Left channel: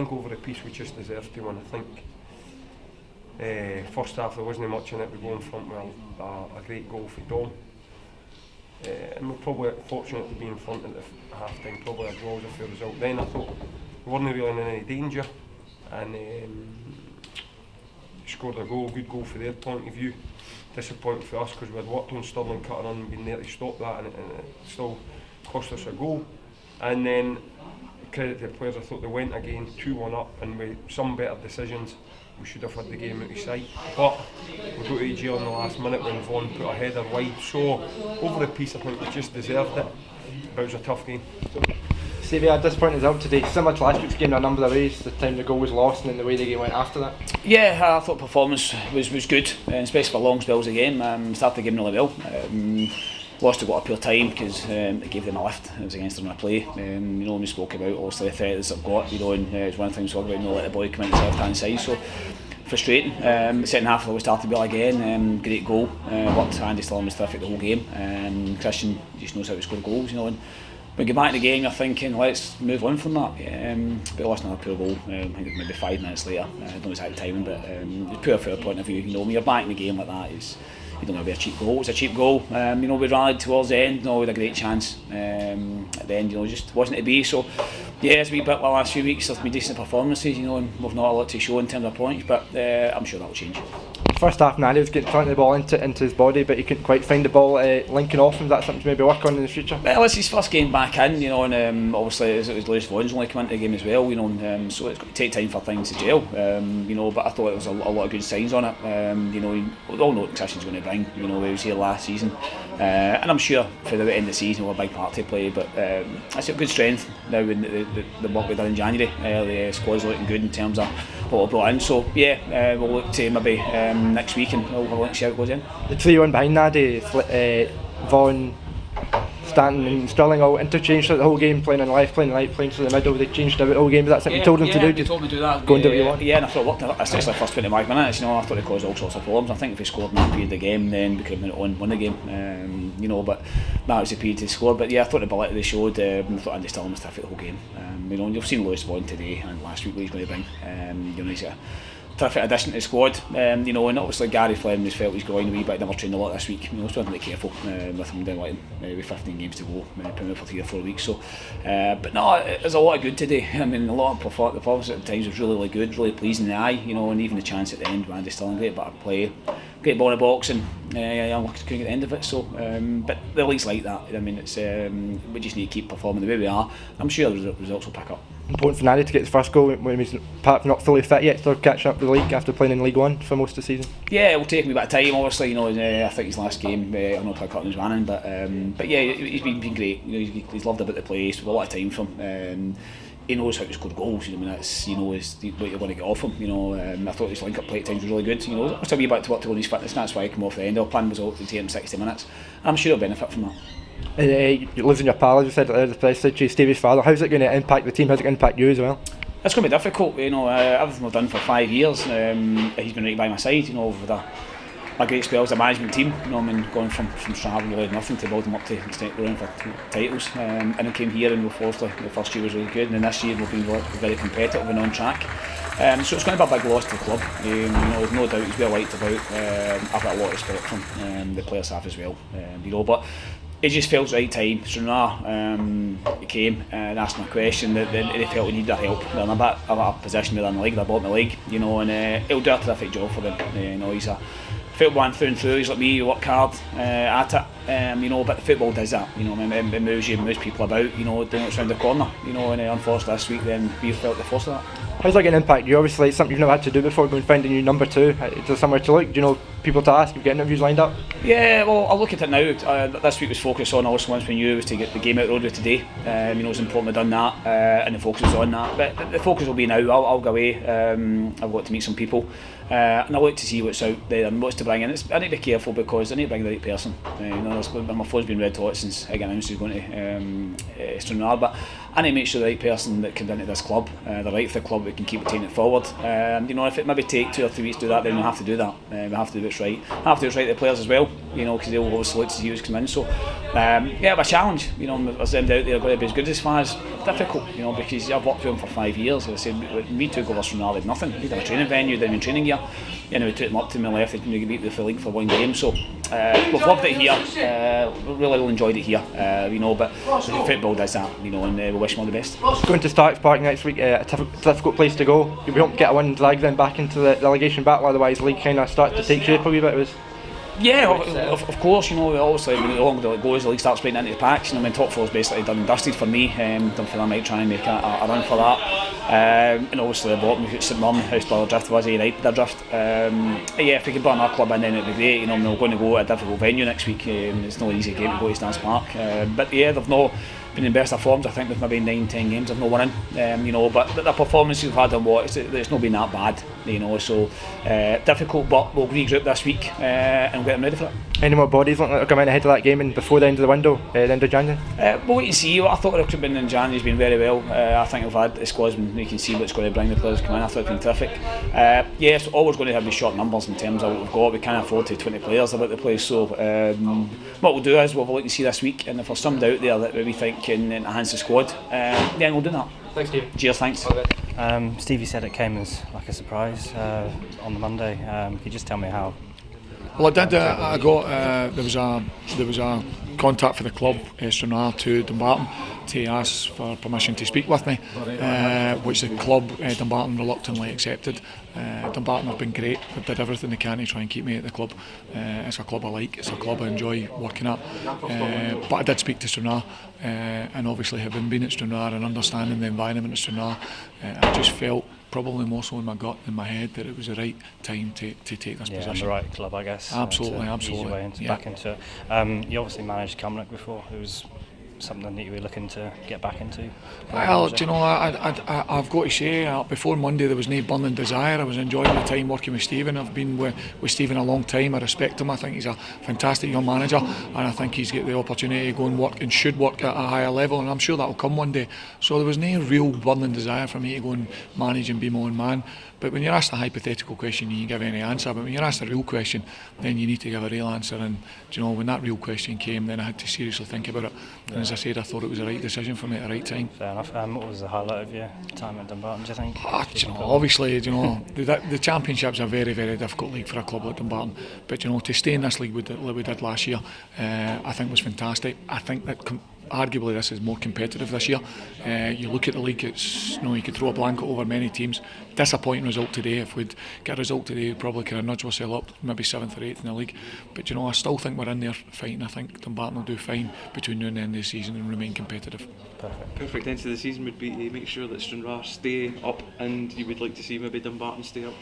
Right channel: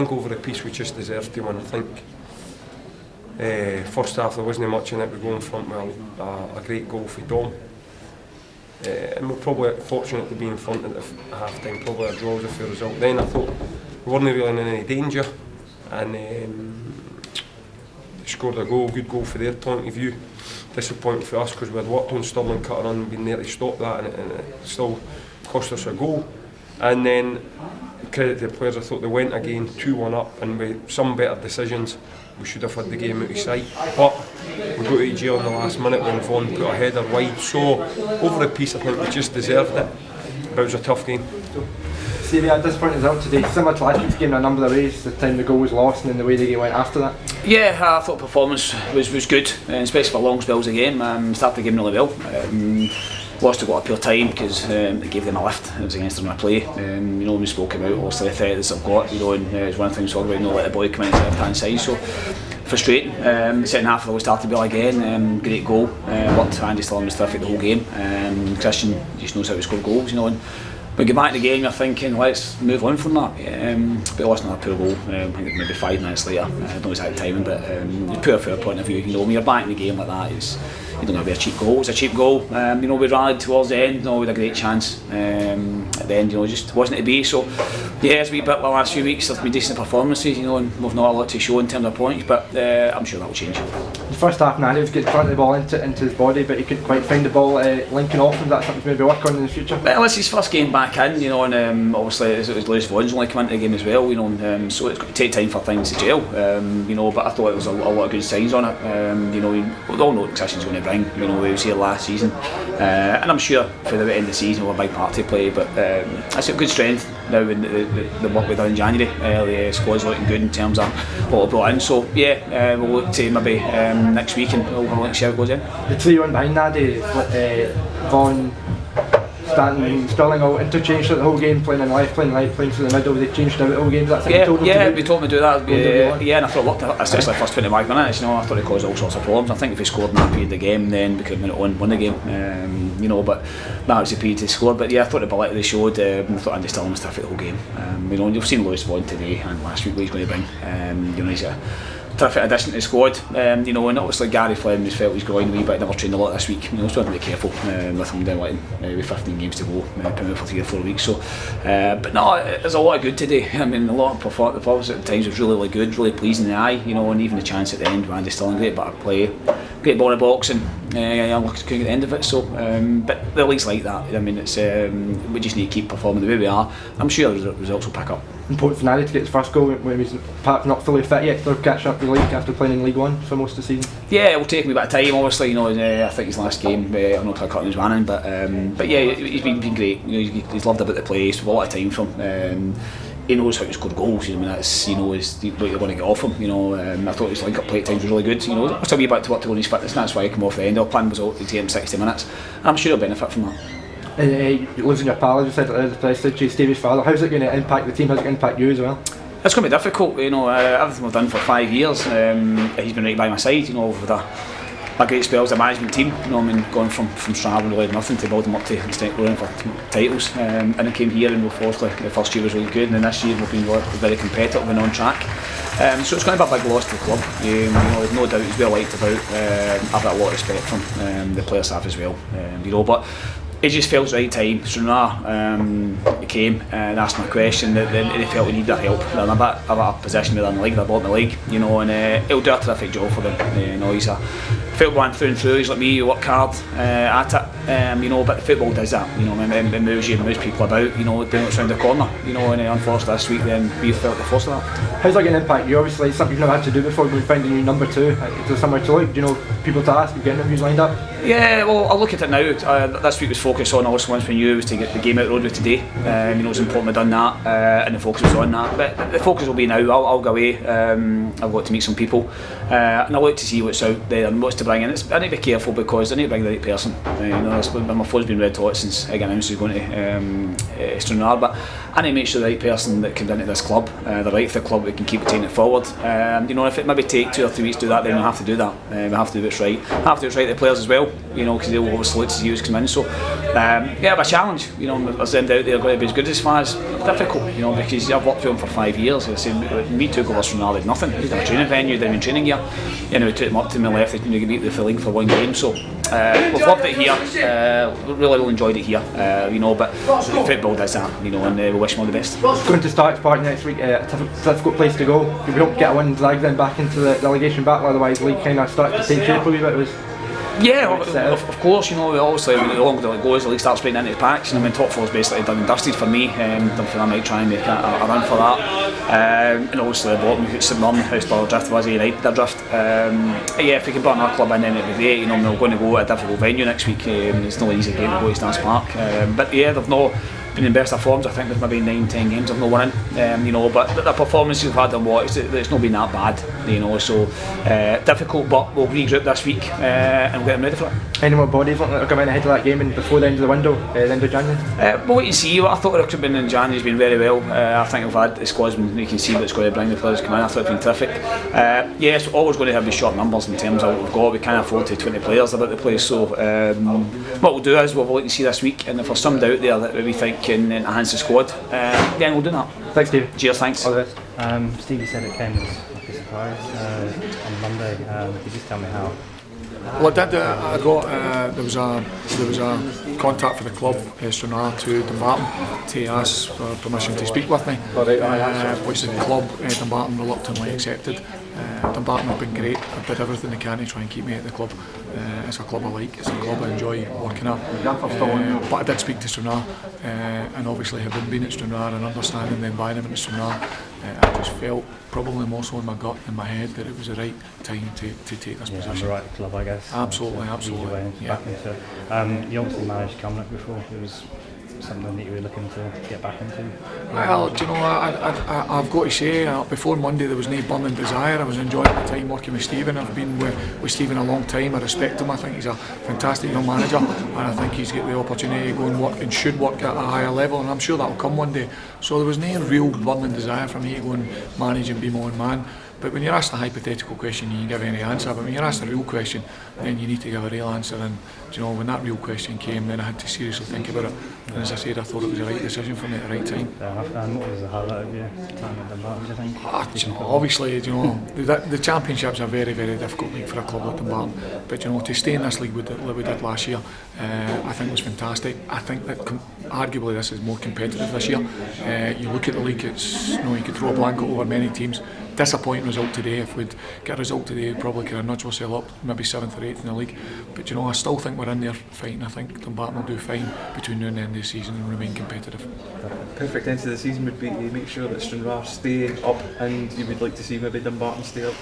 think over the piece we just deserved to win. I think first half there wasn't much in it. We go in front with a great goal for Dom. And we're probably fortunate to be in front at the half time, probably a draw with the result. Then I thought we weren't really in any danger, and they scored a goal, good goal for their point of view. Disappointing for us because we had worked on Stirling cutting in, been there to stop that, and it still cost us a goal. And then credit to the players, I thought they went again 2-1 up, and with some better decisions we should have had the game out of sight. But we got to jail in the last minute when Vaughan put a header wide. So over the piece I think we just deserved it, but it was a tough game. Stevie, at this point of the result today, similar to last week's game in a number of ways, the time the goal was lost and then the way that you went after that? Yeah, I thought performance was good, especially for long spells of the game. Started the game really well. Lost a lot of pure time because they gave them a lift. It was against them in a play. We spoke about obviously the threat that they've got, and it's one of the things we talk about, let the boy come in to the left-hand side. So frustrating. The second half we started well again. Great goal. Worked Andy Stirling was terrific the whole game. Christian just knows how to score goals, and we get back in the game, you're thinking, let's move on from that. But lost another poor goal, I think maybe 5 minutes later. I don't know exact timing, but it's poor from a point of view. When you're back in the game like that, you don't have to be a cheap goal. It's a cheap goal. We rallied towards the end, with a great chance. At the end, just wasn't to be. So, yeah, it's a wee bit the last few weeks. There's been decent performances, and we've not a lot to show in terms of points, but I'm sure that will change. First half, Nanny was getting front of the ball into his body, but he couldn't quite find the ball linking off. Is that something to maybe work on in the future? Well, it's his first game back in, and obviously it was Lewis Vaughan's only come into the game as well, so it's going to take time for things to gel, but I thought there was a lot of good signs on it. We all know what Christian's going to bring. We was here last season, and I'm sure for the end of the season we'll have a big part to play, but it's a good strength now in the work we've done in January. The squad's looking good in terms of what we've brought in, so yeah, we'll look to maybe next week and we'll look to see how it goes in. The three on behind Nadie, Vaughan, Stanton, Stirling all interchanged throughout the whole game, playing in left, playing right, playing through the middle. They changed out the whole game. That's what you told them to do? Yeah, they told me to do that. And I thought it worked, especially the first 25 minutes. I thought it caused all sorts of problems. I think if we scored in that period of the game, then we could have won the game. But that was the period to score. But yeah, I thought the ability they showed. I thought Andy Stirling was terrific the whole game. You've seen Lewis Vaughan today and last week what he's going to bring. He's a terrific addition to the squad, and obviously Gary Flynn just felt he's growing a wee bit, never trained a lot this week. So we've got to be careful with him down with 15 games to go, coming out for 3 or 4 weeks. So, but no, there's a lot of good today. A lot of performance at times was really good, really pleasing in the eye. And even the chance at the end, Andy Stirling, great bit of play, great ball in the box, and looking at the end of it. So, but the league's like that. It's we just need to keep performing the way we are. I'm sure the results will pick up. Important for Nadie to get his first goal when he's perhaps not fully fit yet, still catching up to the league after playing in League One for most of the season. Yeah, it will take him a bit of time, obviously. I think his last game, I'm not quite cutting his running, but yeah, he's been great. He's loved about the place, with a lot of time from. He knows how to score goals. That's what you're going to get off him. I thought his link-up play time was really good. Still a wee bit to work towards his fitness, and that's why he came off the end. Our plan was to take him 60 minutes. I'm sure he'll benefit from that. You're losing your pal, as you said at the press, Stevie Farrell. How's it going to impact the team? How's it going to impact you as well? It's going to be difficult. Everything we've done for 5 years, he's been right by my side. With a great spell as a management team. Going from Strabane really nothing to build them up to extent going for titles. And I came here, and obviously the first year was really good, and then this year we'll be very competitive and on track. So it's going to be a big loss to the club. There's no doubt he's well liked about. I've got a lot of respect from the player staff as well. But it just felt the right time. He came and asked me a question that they felt we needed that help. They're in a bit of a position within the league, they're bottom of the league, and he'll do a terrific job for them. He's a football through and through. He's like me, you work hard at it, but the football does that. It moves you, it moves people about. Doing what's around the corner. And unfortunately this week, then we felt the force of that. How's that going to impact you? Obviously, it's something you've never had to do before. When finding your number 2, is there somewhere to look? Do you know people to ask? You get interviews lined up? Yeah, well, I'll look at it now. This week was focused on obviously once we knew it was to get the game out of the road with today. It's important we've done that, and the focus was on that. But the focus will be now. I'll go away. I've got to meet some people, and I'll look to see what's out there and what's to bring in. I need to be careful because I need to bring the right person. My phone's been red hot since Egan announced he's going to Stranraer, but I need to make sure the right person that comes into this club, the right for the club, we can keep taking it forward. You know, if it maybe take 2 or 3 weeks to do that, then we have to do that. We have to do it right. We have to do it right to the players as well, you know, because they'll obviously look to see who's come in. So, yeah, a challenge. You know, there's them out there going to be as good as far as difficult, you know, because I've worked with them for 5 years. Me took over from now, nothing. They had a training venue down in training gear. You know, we took them up to my left, they can beat the filling for 1 game. So, we've loved it here. Really enjoyed it here, you know, but football does that, you know, and we wish them all the best. Going to Starks Park next week, a difficult place to go. We hope to get a win and drag them back into the relegation battle, otherwise the league kind of started to take shape a wee bit. Yeah, of course, you know, obviously the longer the league goes, the league starts breaking into packs. I mean, top 4 is basically done and dusted for me. I might try and make a run for that. And obviously at the bottom, we've got St Mirren, Houseborough Drift, was United Drift. Yeah, if we can put our club in, then it'd be great. You know, we're going to go at a difficult venue next week. It's not an easy game to go to Starks Park. But yeah, they've not been in best of forms. I think there's maybe 9-10 games they've not won in, you know, but the performance we've had it's not been that bad, you know, so difficult, but we'll regroup this week and get them ready for it. Any more bodies looking like they're coming ahead of that game and before the end of the window, the end of January? We'll wait and see. What I thought it could have been in January has been very well. I think we've had the squads, you can see what it's going to bring the players come in. I thought it's been terrific. Yes, we're always going to have the short numbers in terms of what we've got. We can't afford to 20 players about the place, so what we'll do is we'll wait and see this week, and if there's somebody out there that we think can enhance the squad, then we'll do that. Thanks, Steve. Cheers, thanks. Stevie said it came as like a surprise on Monday. Could you just tell me how? Well, I did. I got there was a contact for the club, Stranraer to Dumbarton, to ask for permission to speak with me, which the club Dumbarton reluctantly accepted. Dumbarton have been great. I did everything they can to try and keep me at the club. It's a club I like. It's a club I enjoy working at. But I did speak to Stranraer, and obviously having been at Stranraer and understanding the environment at Stranraer, I just felt, probably more so in my gut, in my head, that it was the right time to take this position. The right club, I guess. Absolutely. Easy way into back into. You obviously managed Cumnock before. It was something that you were looking to get back into? Well, do you know, I've got to say, before Monday there was no burning desire. I was enjoying my time working with Stephen. I've been with Stephen a long time. I respect him. I think he's a fantastic young manager, and I think he's got the opportunity to go and work and should work at a higher level, and I'm sure that will come one day. So there was no real burning desire for me to go and manage and be my own man. But when you're asked a hypothetical question, you can give any answer. But when you're asked a real question, then you need to give a real answer. And do you know, when that real question came, then I had to seriously think about it. And as I said, I thought it was the right decision for me at the right time. Fair enough. What was the highlight of your time in Dumbarton, do you think? Do you know, obviously, do you know, the Championship's a very, very difficult league for a club like Dumbarton. But you know, to stay in this league like we did last year, I think was fantastic. I think that arguably this is more competitive this year. You look at the league, it's, you know, you could throw a blanket over many teams. Disappointing result today. If we'd get a result today, we'd probably could have nudged ourselves up, maybe 7th or 8th in the league. But you know, I still think we're in there fighting. I think Dumbarton will do fine between now and the end of the season and remain competitive. Perfect end to the season would be to make sure that Stranraer stay up, and you would like to see maybe Dumbarton stay up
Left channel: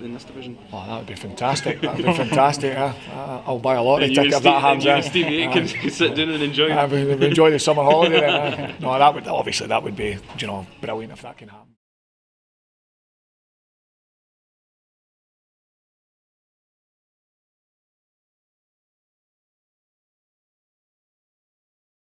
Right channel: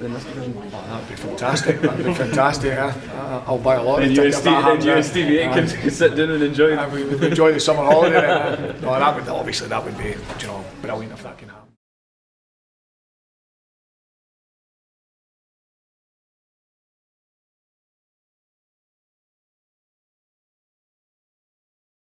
in this division. Oh, that would be fantastic. That would be fantastic. I'll buy a lot of tickets if that happens. You and Stevie Aitken could sit down and enjoy it. We enjoy the summer holiday. No, that would be, you know, brilliant if that can happen.